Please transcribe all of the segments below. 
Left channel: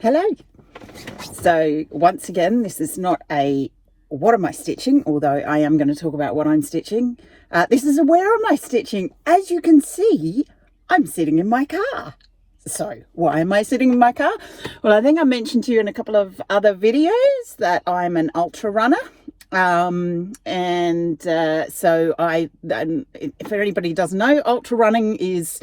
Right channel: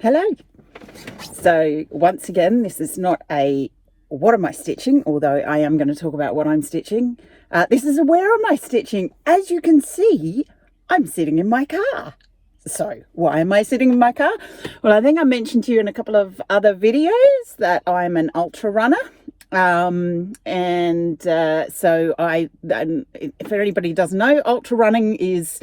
Hello. So once again, this is not a what am I stitching, although I am going to talk about what I'm stitching. This is a where am I stitching. As you can see, I'm sitting in my car. So why am I sitting in my car? Well, I think I mentioned to you in a couple of other videos that I'm an ultra runner. So if anybody doesn't know, ultra running is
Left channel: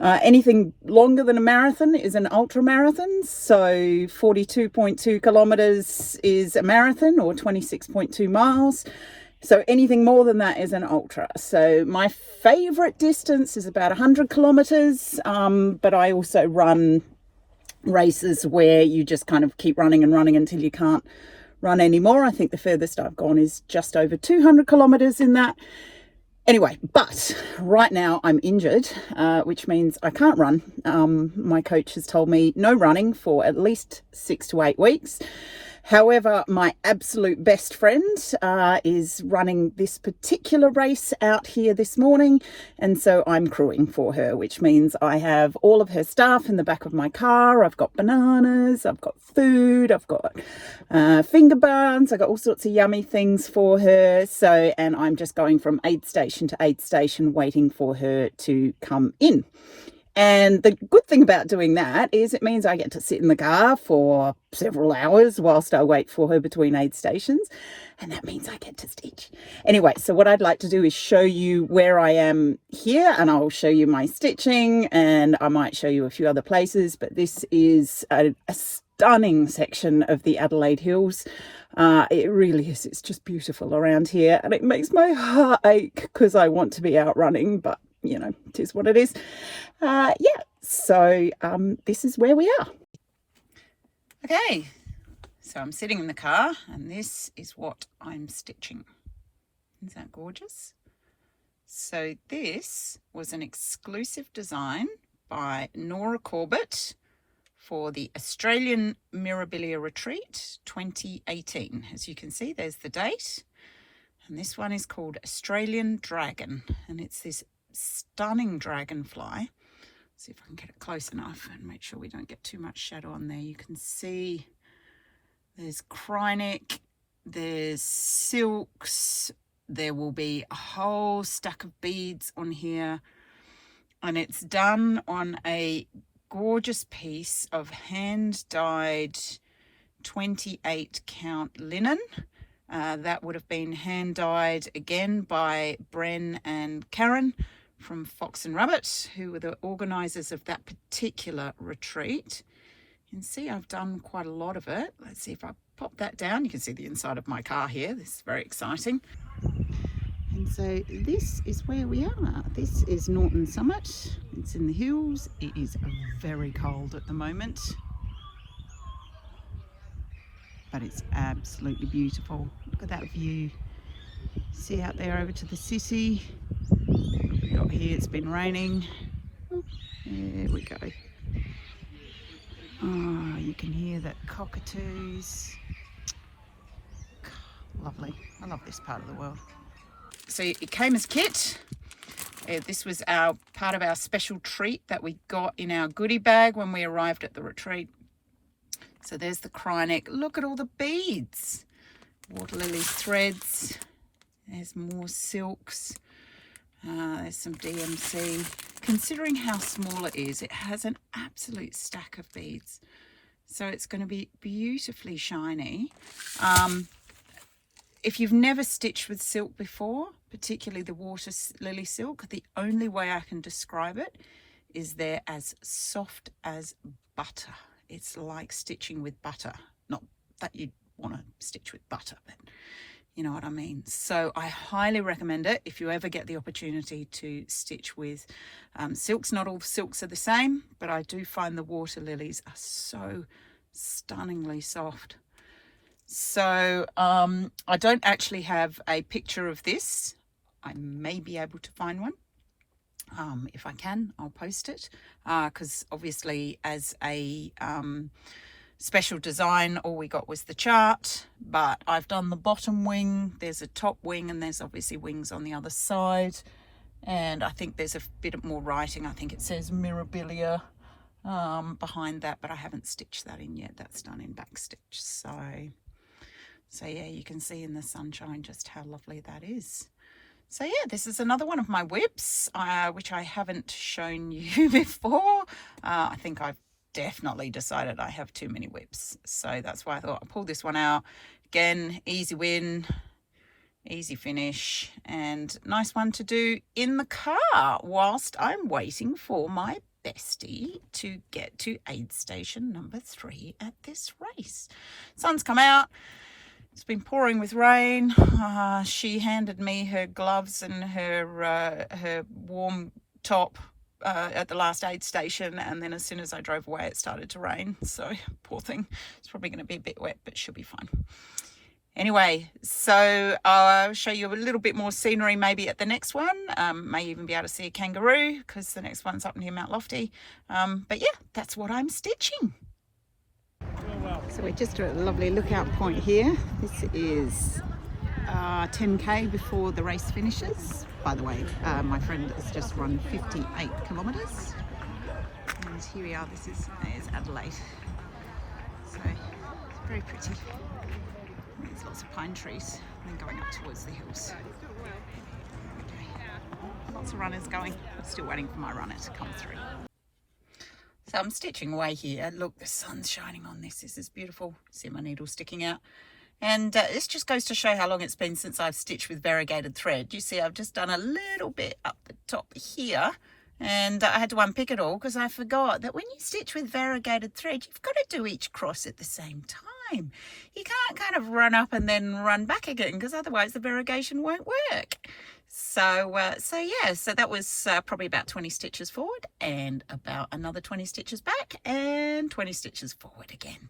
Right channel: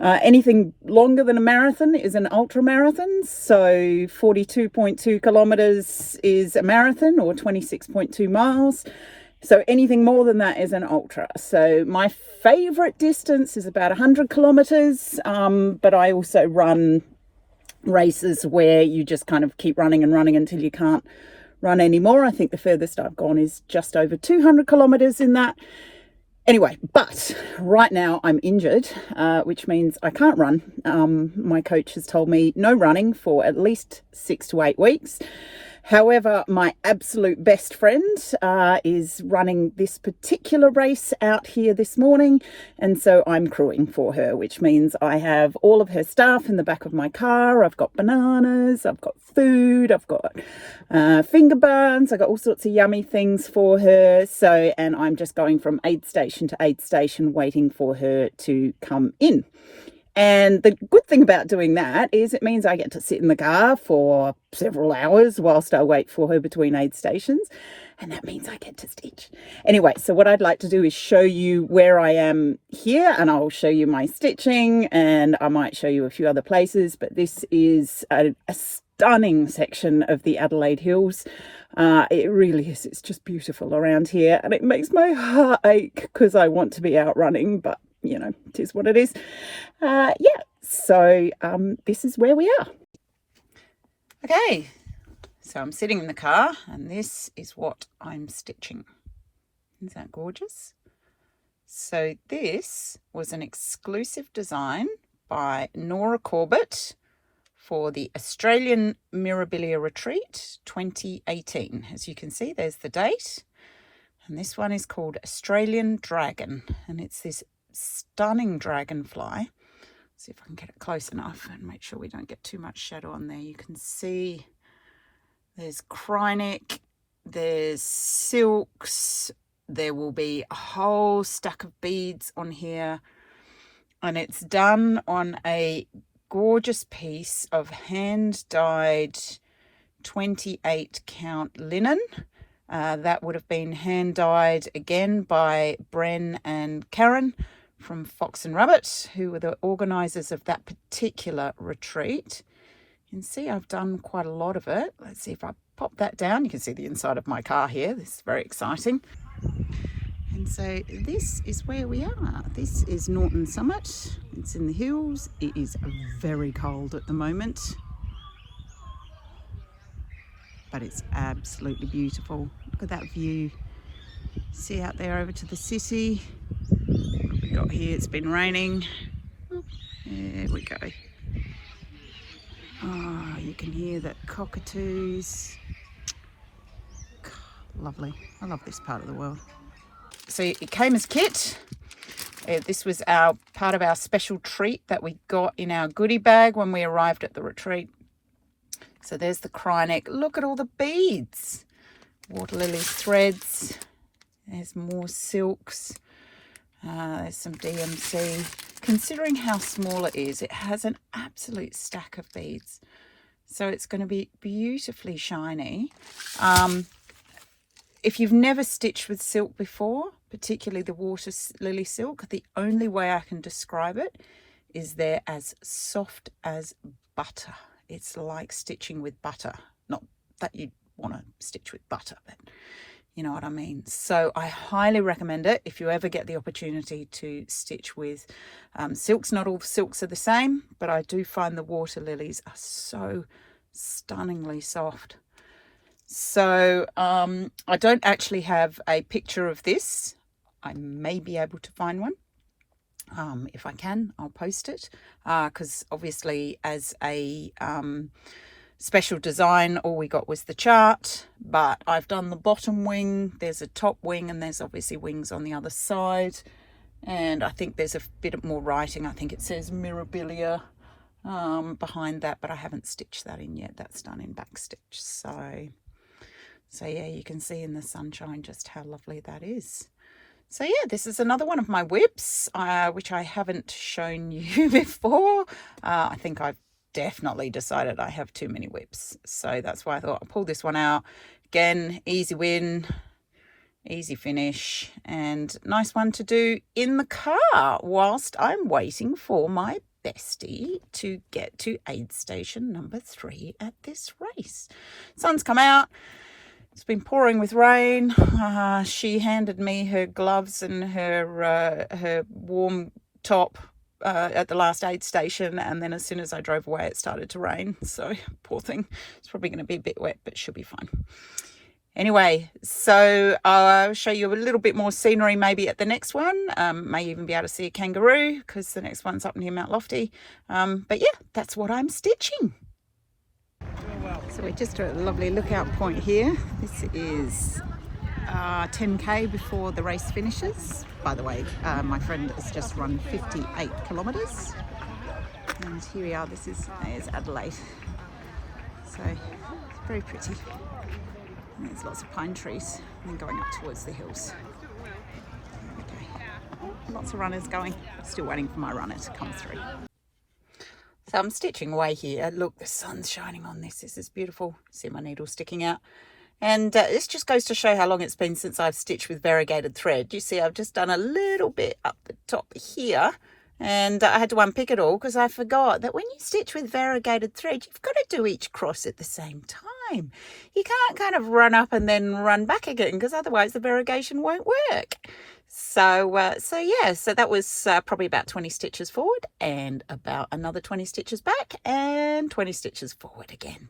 anything longer than a marathon is an ultra marathon. So 42.2 kilometers is a marathon, or 26.2 miles. So anything more than that is an ultra. So my favorite distance is about 100 kilometers, but I also run races where you just kind of keep running and running until you can't run anymore. I think the furthest I've gone is just over 200 kilometers in that. Anyway, but right now I'm injured, which means I can't run. My coach has told me no running for at least 6 to 8 weeks. However, my absolute best friend is running this particular race out here this morning, and so I'm crewing for her, which means I have all of her stuff in the back of my car. I've got bananas, I've got food, I've got finger buns, I've got all sorts of yummy things for her. So, and I'm just going from aid station to aid station waiting for her to come in. And the good thing about doing that is it means I get to sit in the car for several hours whilst I wait for her between aid stations. And that means I get to stitch. Anyway, so what I'd like to do is show you where I am here, and I'll show you my stitching, and I might show you a few other places. But this is a stunning section of the Adelaide Hills. It really is. It's just beautiful around here, and it makes my heart ache because I want to be out running, but you know, it is what it is. So this is where we are. Okay, so I'm sitting in the car, and this is what I'm stitching. Isn't that gorgeous? So this was an exclusive design by Nora Corbett for the Australian Mirabilia Retreat 2018. As you can see, there's the date. And this one is called Australian Dragon, and it's this stunning dragonfly. See if I can get it close enough and make sure we don't get too much shadow on there. You can see there's Krynic, there's silks, there will be a whole stack of beads on here, and it's done on a gorgeous piece of hand-dyed 28 count linen. That would have been hand-dyed again by Bren and Karen from Fox and Rabbit, who were the organisers of that particular retreat. You can see I've done quite a lot of it. Let's see if I pop that down. You can see the inside of my car here. This is very exciting. And so this is where we are. This is Norton Summit. It's in the hills. It is very cold at the moment, but it's absolutely beautiful. Look at that view. See out there over to the Sissy. What have we got here? It's been raining. There we go. Oh, you can hear that cockatoos. Lovely. I love this part of the world. So it came as kit. This was part of our special treat that we got in our goodie bag when we arrived at the retreat. So there's the Krynic. Look at all the beads. Water lily threads. There's more silks. There's some DMC. Considering how small it is, it has an absolute stack of beads. So it's going to be beautifully shiny. If you've never stitched with silk before, particularly the water lily silk, the only way I can describe it is they're as soft as butter. It's like stitching with butter. Not that you'd want to stitch with butter, but you know what I mean. So I highly recommend it if you ever get the opportunity to stitch with silks. Not all silks are the same, but I do find the water lilies are so stunningly soft. So I don't actually have a picture of this. I may be able to find one. If I can, I'll post it, because obviously as a special design, all we got was the chart, but I've done the bottom wing, there's a top wing, and there's obviously wings on the other side, and I think there's a bit more writing. I think it says Mirabilia behind that, but I haven't stitched that in yet. That's done in back stitch. So yeah, you can see in the sunshine just how lovely that is. So yeah, this is another one of my whips, which I haven't shown you before. I think I've definitely decided I have too many whips. So that's why I thought I'll pull this one out. Again, easy win, easy finish, and nice one to do in the car whilst I'm waiting for my bestie to get to aid station number 3 at this race. Sun's come out. It's been pouring with rain. She handed me her gloves and her warm top at the last aid station, and then as soon as I drove away it started to rain, so poor thing. It's probably going to be a bit wet, but she'll be fine. Anyway, so I'll show you a little bit more scenery maybe at the next one. May even be able to see a kangaroo because the next one's up near Mount Lofty. But yeah, that's what I'm stitching. So we're just at a lovely lookout point here. This is 10k before the race finishes. By the way, my friend has just run 58 kilometres. And here we are, there's Adelaide. So, very pretty. And there's lots of pine trees and then going up towards the hills. Okay. Lots of runners going. Still waiting for my runner to come through. So I'm stitching away here. Look, the sun's shining on this. This is beautiful. See my needle sticking out. And this just goes to show how long it's been since I've stitched with variegated thread. You see, I've just done a little bit up the top here. And I had to unpick it all because I forgot that when you stitch with variegated thread, you've got to do each cross at the same time. You can't kind of run up and then run back again because otherwise the variegation won't work. So yeah, so that was probably about 20 stitches forward and about another 20 stitches back and 20 stitches forward again.